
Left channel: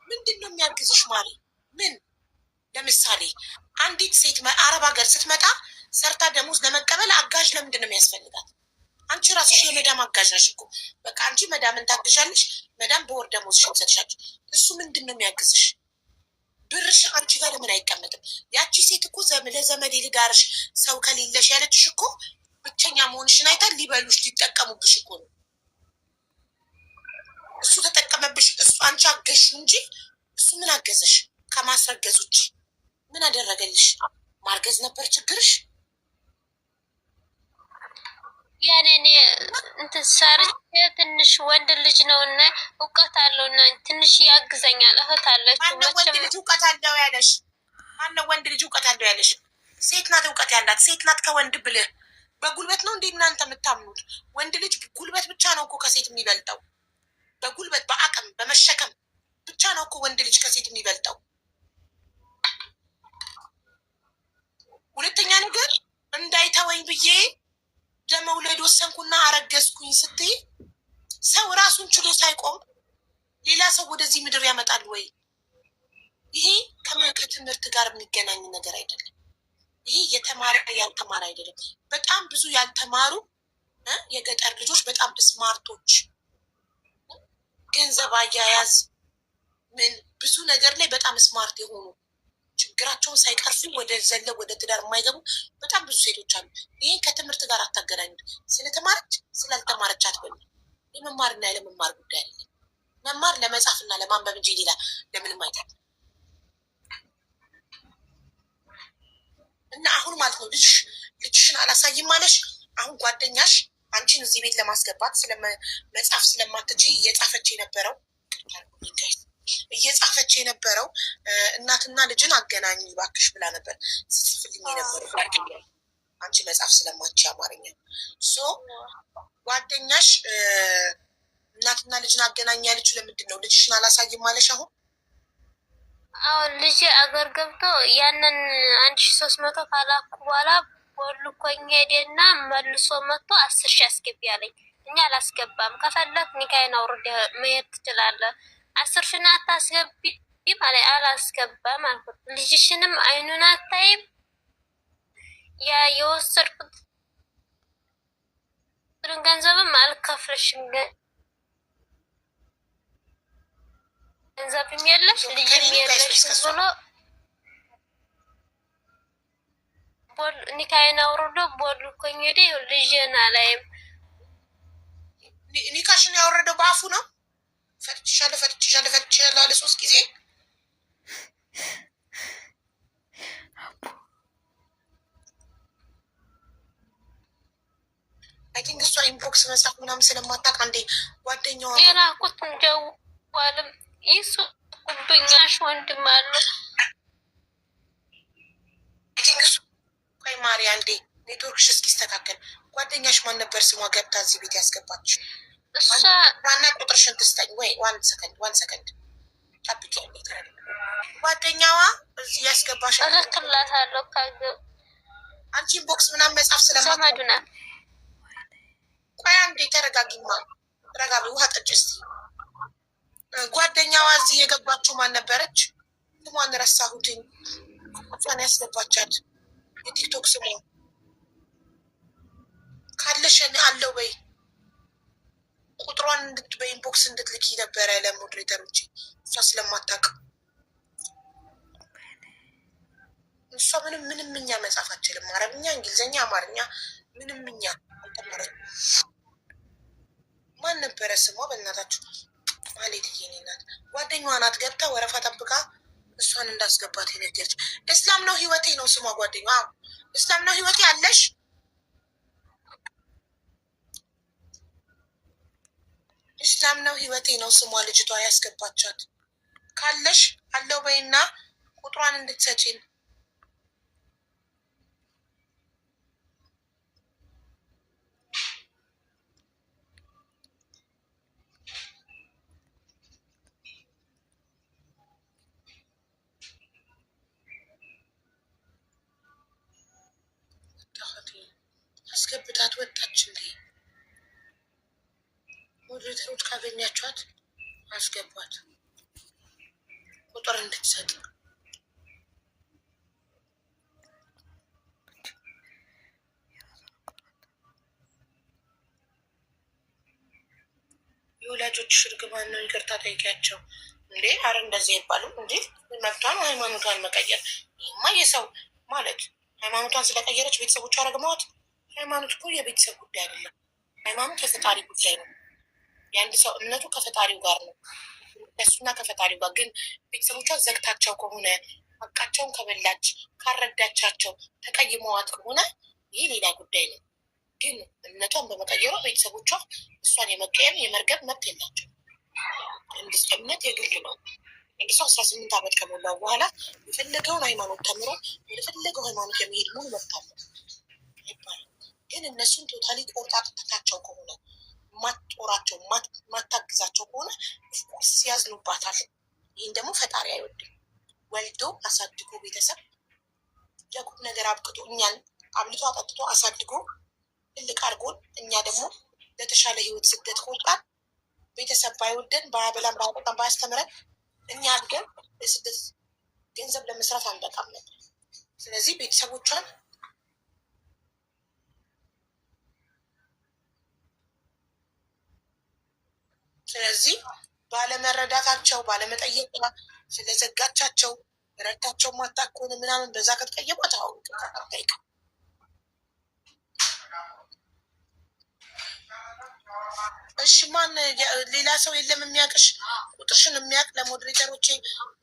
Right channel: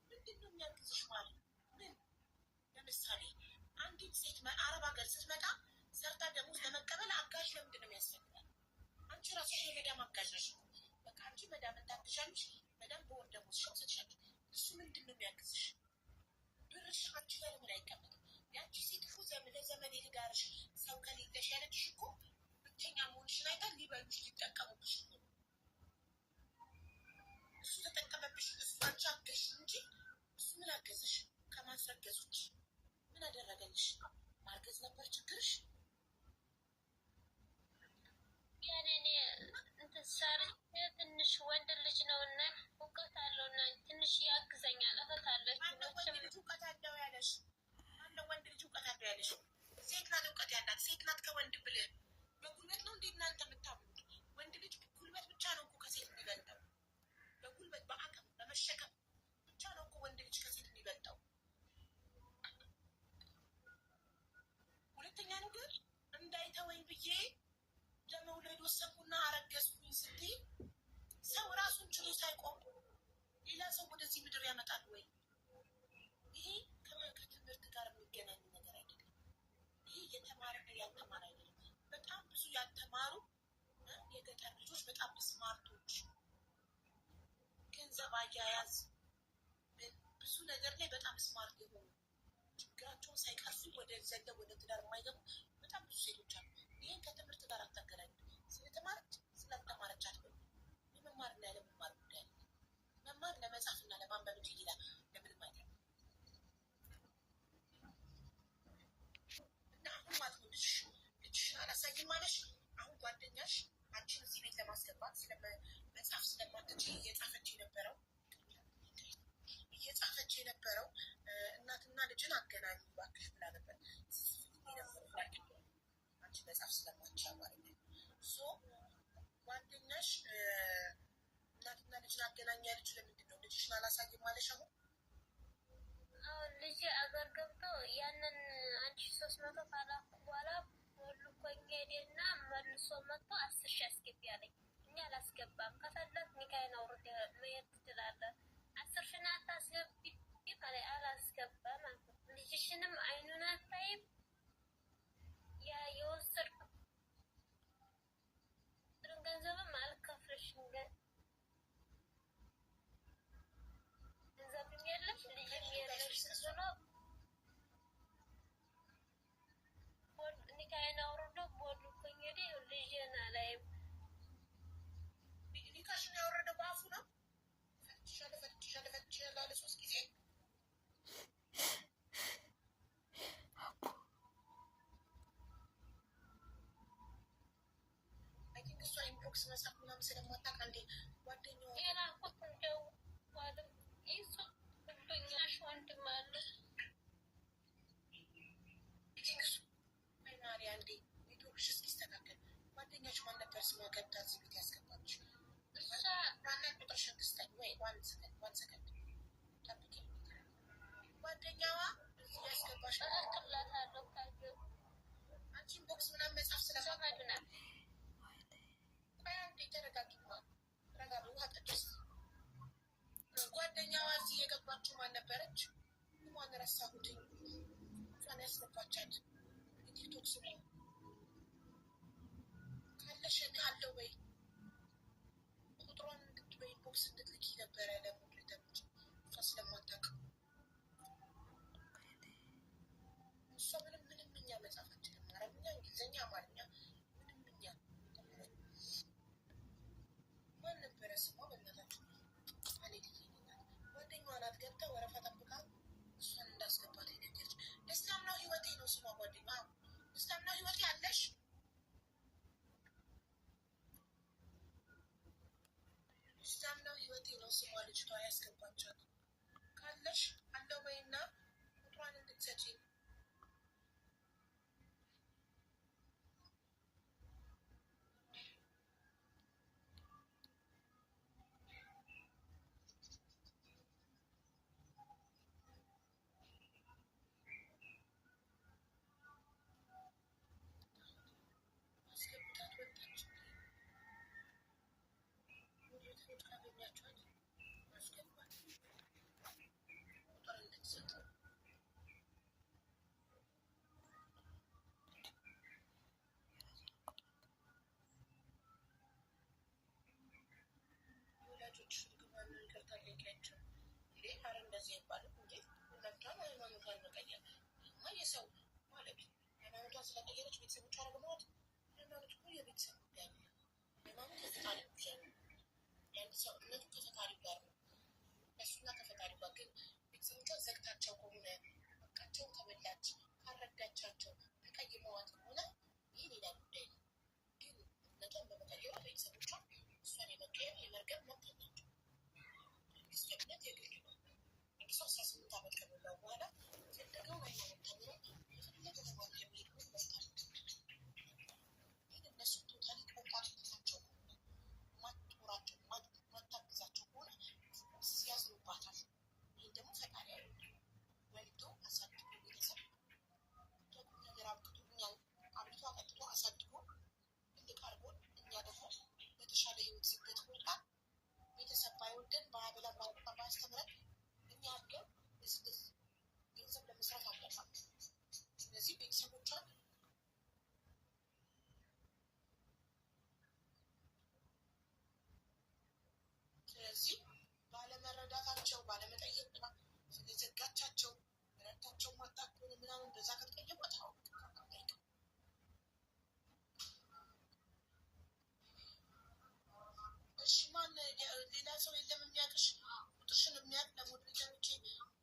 ምንድን ነው የሚያግዝሽ ማሪ? ምን ለምሳሌ አንዲት ሴት አረብ ሀገር ስትመጣ ሰርታ ደሞዝ ለመቀበል አጋዥ ለምንድን ነው የሚያስፈልጋት? አንቺ ራስሽ የመዳም አጋዥ ነሽ እኮ። በቃ አንቺ መዳምን ታግዣለሽ፣ መዳም በወር ደሞዝሽን ትሰጥሻለች። እሱ ምንድን ነው የሚያግዝሽ? ብርሽ አንቺ ጋር ለምን አይቀመጥም? ያቺ ሴት እኮ ለዘመድ ልዳርሽ ሰው ከሌለሽ ያለችሽ እኮ ብቸኛ መሆንሽን አይታ ሊበሉሽ ሊጠቀሙብሽ እኮ ነው። እሱ ተጠቀመብሽ፣ እሱ አንቺ አገዝሽ እንጂ እሱ ምን አገዘሽ? ከማስረገዝ ውጭ ምን አደረገልሽ? ማርገዝ ነበር ችግርሽ? ያኔ እኔ እንትን ሰርቼ ትንሽ ወንድ ልጅ ነው እና እውቀት አለው እና ትንሽ ያግዘኛል። እህት አለች። ማነው ወንድ ልጅ እውቀት አለው ያለሽ? ማነው ወንድ ልጅ እውቀት አለው ያለሽ? ሴት ናት እውቀት ያላት። ሴት ናት ከወንድ ብልህ። በጉልበት ነው እንዴ እናንተ የምታምኑት? ወንድ ልጅ ጉልበት ብቻ ነው እኮ ከሴት የሚበልጠው። በጉልበት በአቅም በመሸከም ብቻ ነው እኮ ወንድ ልጅ ከሴት የሚበልጠው። ሁለተኛ ነገር ብዬ ለመውለድ ወሰንኩና አረገዝኩኝ ስትይ ሰው ራሱን ችሎ ሳይቆም ሌላ ሰው ወደዚህ ምድር ያመጣል ወይ? ይሄ ከትምህርት ጋር የሚገናኝ ነገር አይደለም። ይሄ የተማረ ያልተማረ አይደለም። በጣም ብዙ ያልተማሩ የገጠር ልጆች በጣም ስማርቶች፣ ገንዘብ አያያዝ ምን ብዙ ነገር ላይ በጣም ስማርት የሆኑ ችግራቸውን ሳይቀርፉ ወደ ዘለው ወደ ትዳር የማይገቡ በጣም ብዙ ሴቶች አሉ። ይህን ከትምህርት ጋር አታገናኙት። ስለተማረች ስላልተማረች አትበሉ። የመማርና ያለመማር ጉዳይ አለ። መማር ለመጻፍና ለማንበብ እንጂ ሌላ ለምንም አይደለም። እና አሁን ማለት ነው ልጅሽን አላሳይም ማለሽ። አሁን ጓደኛሽ አንቺን እዚህ ቤት ለማስገባት መጻፍ ስለማትችይ እየጻፈች የነበረው እናትና ልጅን አገናኝ እባክሽ ብላ ነበር ስትጽፍልኝ የነበረው አንቺ መጻፍ ስለማትችይ አማርኛ። ጓደኛሽ እናትና ልጅን አገናኝ ያለችው ለምንድን ነው? ልጅሽን አላሳይም ማለሽ አሁን ልጅ አገር ገብቶ ያንን 1300 ካላኩ በኋላ ቦልኮኝ ሄደና መልሶ መጥቶ 10,000 አስገቢ አለኝ። እኛ አላስገባም፣ ከፈለክ ኒካይን አውርድ መሄድ ትችላለህ፣ 10,000 አታስገቢ ማለት አላስገባም አልኩት። ልጅሽንም አይኑን አታይም፣ ያ የወሰድኩት ገንዘብም አልከፍልሽም፣ ገንዘብም የለሽ ልጅም የለሽ ብሎ ኒካይን አውርዶ ቦልኮኝ ሄደ። ልጅን አላይም። ኒካሽን ያወረደው በአፉ ነው። ፈትቻለሁ አለ 3 ጊዜ። አይ ቲንክ እሷ ኢንቦክስ መጻፍ ምናምን ስለማታውቅ አንዴ ጓደኛዋ የላኩት ደዋልም ይሱ ጉብኛሽ ወንድም አለ ማሪያ እንዴ ኔትወርክሽ እስኪስተካከል ጓደኛሽ ማን ነበር ስሟ? ገብታ እዚህ ቤት ያስገባች ዋና ቁጥርሽን ትስጠኝ ወይ? ዋን ሰከንድ ጠብቂ። ጓደኛዋ እዚህ ያስገባሽ እልክላታለሁ። አንቺ ኢንቦክስ ምናምን መጻፍ ስለማዱና ቆይ አንዴ ተረጋጊማ፣ ረጋቢ ውሃ ጠጭ እስቲ። ጓደኛዋ እዚህ የገባችው ማን ነበረች? ስሟን ረሳሁትኝ። እሷን ያስገባቻት የቲክቶክ ስሟ ካለሽ አለው በይ። ቁጥሯን በኢንቦክስ እንድትልኪ ነበረ ለሞዴሬተሮች፣ እሷ ስለማታውቅ እሷ ምንም እኛ መጻፍ አችልም። አረብኛ፣ እንግሊዝኛ፣ አማርኛ ምንም እኛ አልተማረች። ማን ነበረ ስሟ? በእናታችሁ ማለት የኔ ናት። ጓደኛዋ ናት። ገብታ ወረፋ ጠብቃ እሷን እንዳስገባት የነገረች። እስላም ነው ህይወቴ ነው ስሟ። ጓደኛ እስላም ነው ህይወቴ አለሽ? እስላም ነው ህይወቴ ነው ስሟ። ልጅቷ ያስገባቻት ካለሽ አለው በይና ቁጥሯን እንድትሰጪን። አስገብታት ወጣች እንዴ? ሞዴሬተሮች ካገኛችኋት አስገቧት ቁጥር እንድትሰጥ። የወላጆች እርግማን ነው። ይቅርታ ጠይቂያቸው እንዴ። አረ እንደዚህ አይባልም እንዴ። መብቷን ሃይማኖቷን መቀየር። ይህማ የሰው ማለት ሃይማኖቷን ስለቀየረች ቤተሰቦቿ ረግመዋት። ሃይማኖት እኮ የቤተሰብ ጉዳይ አይደለም። ሃይማኖት የፈጣሪ ጉዳይ ነው። የአንድ ሰው እምነቱ ከፈጣሪው ጋር ነው፣ እሱና ከፈጣሪው ጋር። ግን ቤተሰቦቿን ዘግታቸው ከሆነ ሀቃቸውን ከበላች ካረዳቻቸው ተቀይመዋት ከሆነ ይህ ሌላ ጉዳይ ነው። ግን እምነቷን በመቀየሯ ቤተሰቦቿ እሷን የመቀየም የመርገብ መብት የላቸው። እምነት የግል ነው። አንድ ሰው 18 ዓመት ከሞላው በኋላ የፈለገውን ሃይማኖት ተምሮ የፈለገው ሃይማኖት የሚሄድ ሙሉ መብት አለው ይባላል። ግን እነሱን ቶታሊ ቆርጣጥታቸው ከሆነ ማትጦራቸው ማታግዛቸው ከሆነ ኦፍኮርስ ያዝኑባታል። ይህን ደግሞ ፈጣሪ አይወድም። ወልዶ አሳድጎ ቤተሰብ ለቁም ነገር አብቅቶ እኛን አብልቶ አጠጥቶ አሳድጎ ትልቅ አድርጎን እኛ ደግሞ ለተሻለ ህይወት ስደት ከወጣን ቤተሰብ ባይወደን ባያበላን ባያጠጣን ባያስተምረን እኛ አድገን ለስደት ገንዘብ ለመስራት አንበቃም ነበር። ስለዚህ ቤተሰቦቿን ስለዚህ ባለመረዳታቸው ባለመጠየቅ ስለዘጋቻቸው ረድታቸው ማታቆን ምናምን በዛ ከተቀየሟት አሁን ጠይቅ። እሺ ማን ሌላ ሰው የለም የሚያውቅሽ? ቁጥርሽን የሚያውቅ ለሞዴሬተሮቼ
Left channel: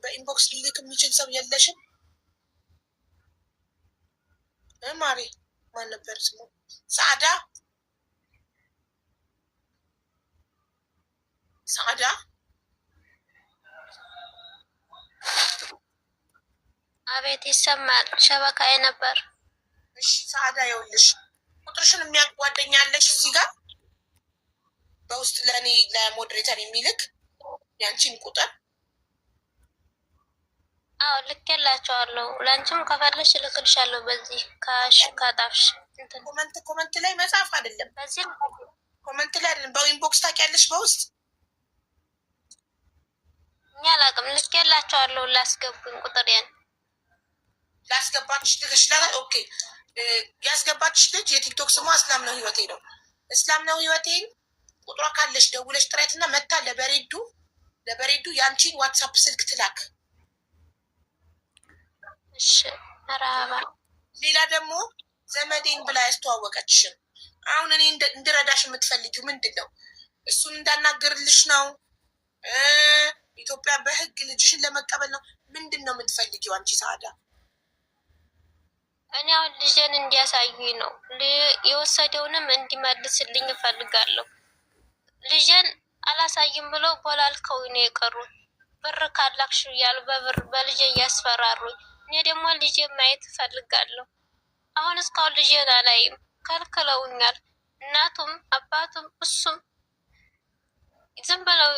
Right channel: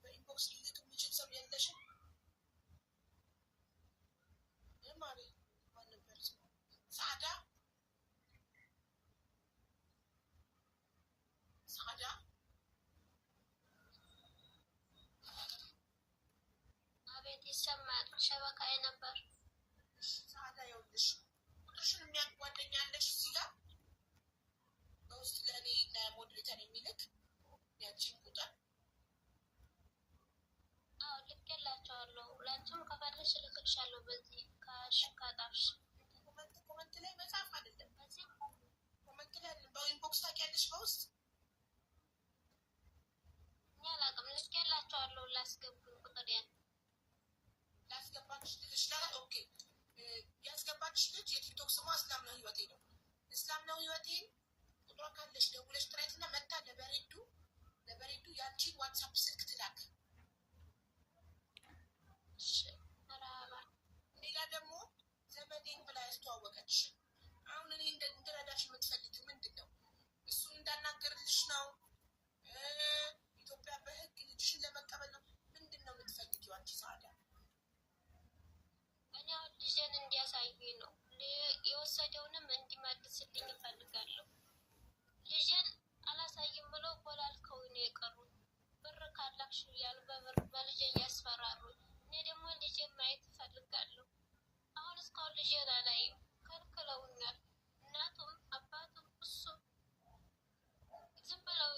በኢንቦክስ ሊልክ የሚችል ሰው የለሽም? ማሪ ማን ነበር ስሙ? ሰዓዳ ሰዓዳ አቤት ይሰማል። ሸበካዬ ነበር። እሺ ሰዓዳ ይኸውልሽ ቁጥርሽን የሚያውቅ ጓደኛ አለሽ እዚህ ጋር በውስጥ ለእኔ ለሞዴሬተር የሚልክ ያንቺን ቁጥር? አዎ ልኬላቸዋለሁ። ለአንቺም ከፈለሽ እልክልሻለሁ። በዚህ ካጣፍሽ ኮመንት ላይ መጻፍ አይደለም፣ በዚህ ኮመንት ላይ አይደለም፣ በኢንቦክስ ታውቂያለሽ። በውስጥ እኛ አላውቅም። ልኬላቸዋለሁ። ላስገቡኝ ቁጥሬን ላስገባችሽ ልክሽላል። ኦኬ ያስገባችሽ ልጅ የቲክቶክ ስሟ እስላም ነው ህይወቴ ነው። እስላም ነው ህይወቴን ቁጥሯ ካለሽ ደውለሽ ጥሪያትና መታ ለበሬዱ የአንቺን ዋትሳፕ ስልክ ትላክ። እሺ መርሃባ። ሌላ ደግሞ ዘመዴን ብላ ያስተዋወቀችሽን አሁን እኔ እንድረዳሽ የምትፈልጊው ምንድን ነው? እሱን እንዳናገርልሽ ነው? ኢትዮጵያ በህግ ልጅሽን ለመቀበል ነው? ምንድን ነው የምትፈልጊው አንቺ ሰዓዳ? እኔ አሁን ልጄን እንዲያሳዩኝ ነው። የወሰደውንም እንዲመልስልኝ እፈልጋለሁ። ልጄን አላሳይም ብሎ ቦላልከው ነው የቀሩት። ብር ካላክሽ እያሉ በልጄ እያስፈራሩኝ፣ እኔ ደግሞ ልጄን ማየት እፈልጋለሁ። አሁን እስካሁን ልጄን አላይም፣ ከልክለውኛል። እናቱም አባቱም እሱም ዝም ብለው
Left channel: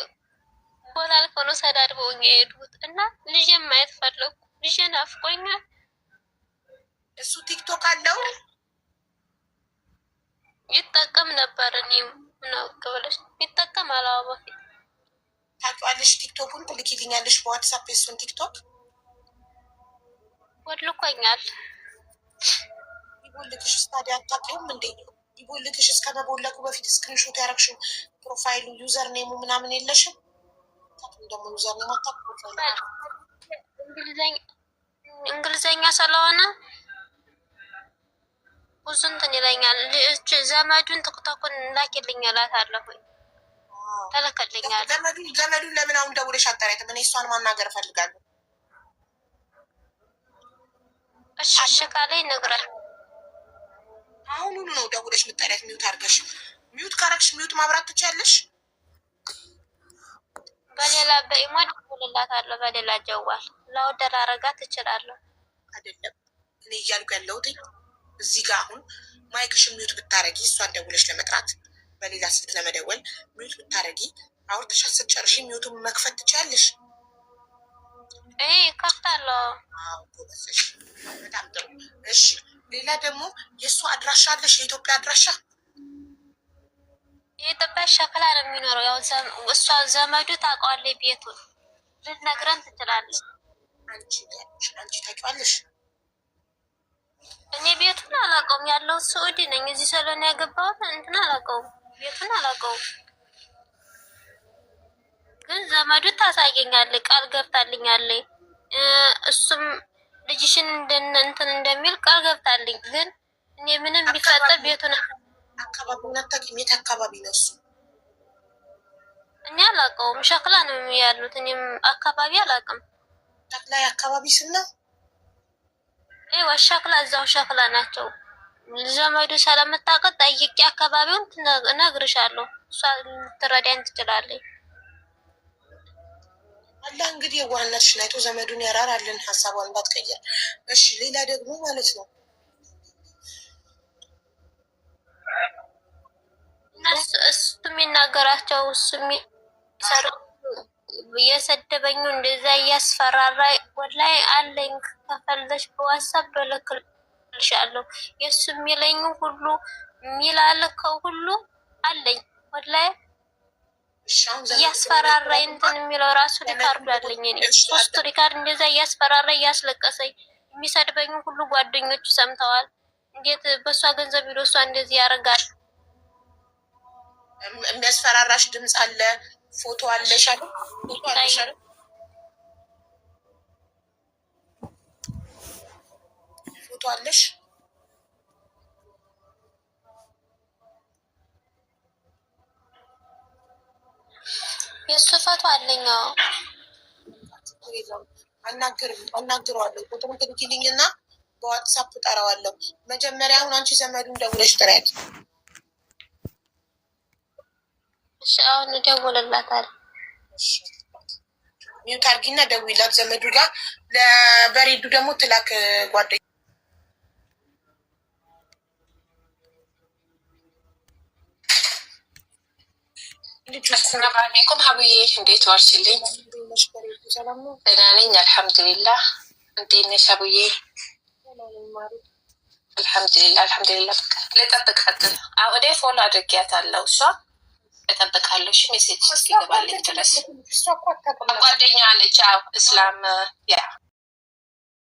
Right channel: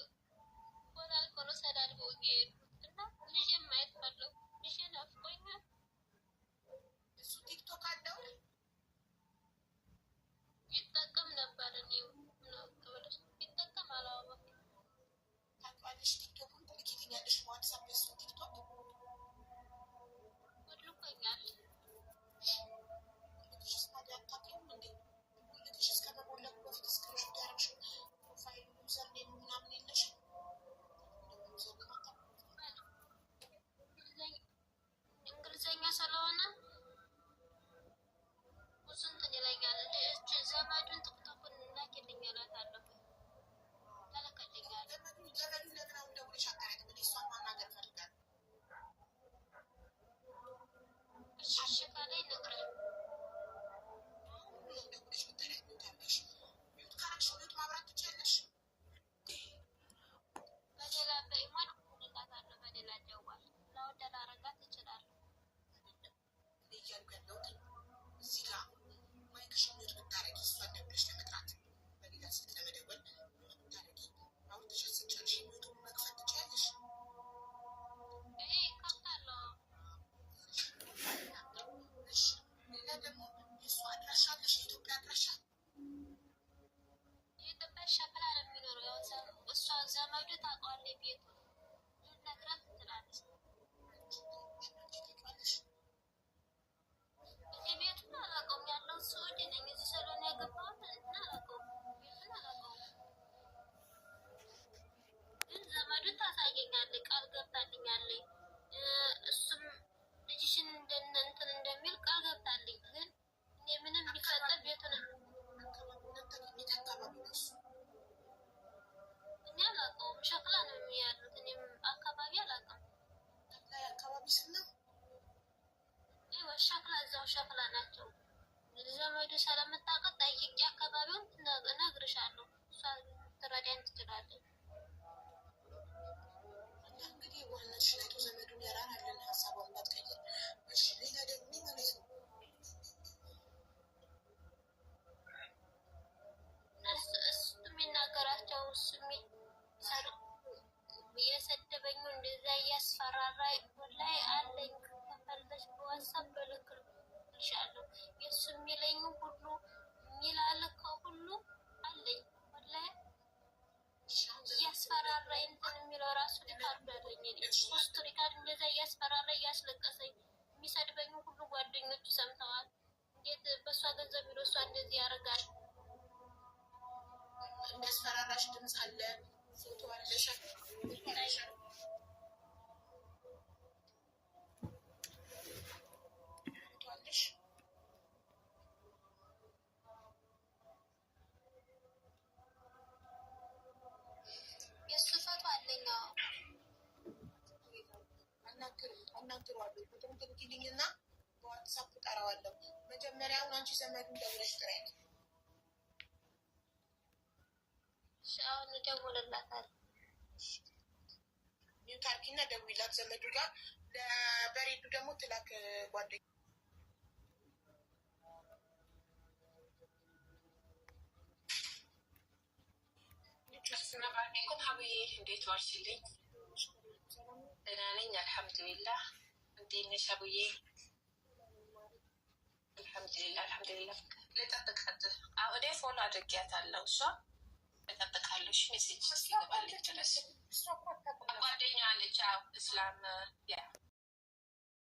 ቦላልከው ነው ሰዳድበውኝ የሄዱት እና ልጄን ማየት ፈለጉ። ልጄን አፍቆኛል። እሱ ቲክቶክ አለው ይጠቀም ነበር። እኔም ነው ከበለሽ ይጠቀም አላው በፊት ታውቂዋለሽ። ቲክቶኩን ትልኪልኛለሽ በዋትሳፕ የሱን ቲክቶክ ወልኮኛል። ይቦልክሽ ስታዲያ አታውቂውም እንዴ? ይቦልክሽ እስከ መቦለቁ በፊት ስክሪንሾት ያደረግሽው ፕሮፋይሉ ዩዘር ኔሙ ምናምን የለሽም? ደግሞ ዩዘር ኔም አታውቂውም። እንግሊዘኛ ስለሆነ ብዙ እንትን ይለኛል። ዘመዱን ቲክቶኩን ላኪልኝ እላታለሁኝ። ተለከልኛል። ዘመዱን ለምን አሁን ደውለሽ አጣሪያትም? እኔ እሷን ማናገር እፈልጋለሁ። እሺ ካለኝ ነግራል። አሁኑኑ ነው ደውለሽ ምጣሪያት። ሚዩት አድርገሽ ሚዩት ካረግሽ ሚዩት ማብራት ትችያለሽ። በሌላ በኢሞ ደውልላታለሁ። በሌላ ጀዋል ላውደር አረጋት እችላለሁ። አይደለም እኔ እያልኩ ያለሁት እዚህ ጋር አሁን ማይክሽን ሚዩት ብታረጊ እሷን ደውለሽ ለመጥራት በሌላ ስልክ ለመደወል ሚዩት ብታረጊ አውርተሻት ስትጨርሺ ሚዩቱን መክፈት ትችያለሽ። ከፍታለሁ። ጎበዘሽ፣ በጣም ጥሩ። እሺ ሌላ ደግሞ የእሷ አድራሻ አለሽ? የኢትዮጵያ አድራሻ? የኢትዮጵያ ሸክላ ነው የሚኖረው። ያው እሷ ዘመዱ ታውቀዋለች። ቤቱን ልትነግረን ትችላለች። አንቺ ታውቂዋለሽ? እኔ ቤቱን አላውቀውም። ያለው ስዑዲ ነኝ። እዚህ ስለሆነ ያገባሁት እንትን አላውቀውም። ቤቱን አላውቀውም፣ ግን ዘመዱ ታሳየኛለች። ቃል ገብታልኛለች። እሱም ልጅሽን እንትን እንደሚል ቃል ገብታልኝ። ግን እኔ ምንም ቢፈጠር ቤቱን አካባቢውን አታውቂም? የት አካባቢ ነው እሱ? እኔ አላውቀውም። ሸክላ ነው ያሉት። እኔም አካባቢ አላውቅም። ሸክላ አካባቢ ስና ሸክላ እዛው ሸክላ ናቸው። ዘመዱ ስለምታውቀው ጠይቄ አካባቢውን እነግርሻለሁ። እሷ ልትረዳኝ ትችላለች። አላህ እንግዲህ የዋህነትሽን አይቶ ዘመዱን ያራራልን፣ ሀሳቧን እንዳትቀየር። እሺ ሌላ ደግሞ ማለት ነው እሱ የሚናገራቸው እሱ የሚሰሩ እየሰደበኝ እንደዛ እያስፈራራ ወላይ አለኝ። ከፈለሽ በዋትሳፕ ልክልሻለሁ። ልሻለሁ የእሱ የሚለኝ ሁሉ የሚላልከው ሁሉ አለኝ ወላሂ እያስፈራራኝ እንትን የሚለው ራሱ ሪካርዱ አለኝ። እኔ 3 ሪካርድ እንደዛ እያስፈራራ እያስለቀሰኝ የሚሰድበኝ ሁሉ ጓደኞቹ ሰምተዋል። እንዴት በእሷ ገንዘብ ቢሎ እሷ እንደዚህ ያደርጋል? የሚያስፈራራሽ ድምፅ አለ፣ ፎቶ አለሽ አለ፣ ፎቶ አለሽ አለ፣ ፎቶ አለሽ። የእሱ ፎቶ አለኝ። አናግረዋለሁ። ቁጥሩን ትልኪልኝና በዋትሳፕ ጠራዋለሁ። መጀመሪያ አሁን አንቺ ዘመዱን ደውለሽ ጥሪያት። እሺ አሁን እደውልላታለሁ። ሚውት አድርጊና ደውይላት ዘመዱ ጋር። ለበሬዱ ደግሞ ትላክ ጓደኛ አሰላሙ አለይኩም ሀብዬ፣ እንዴት ዋልሽልኝ? ደህና ነኝ አልሐምዱሊላህ። እንዴት ነሽ ሀብዬ? አልሐምዱሊላህ አልሐምዱሊላህ። ልጠብቃት። ወደ ፎሎ አድርጊያታለሁ። እሷ እጠብቃለሁ። እሺ ሜሴጅ እስኪገባልኝ ድረስ ጓደኛ ነች። እስላም ያ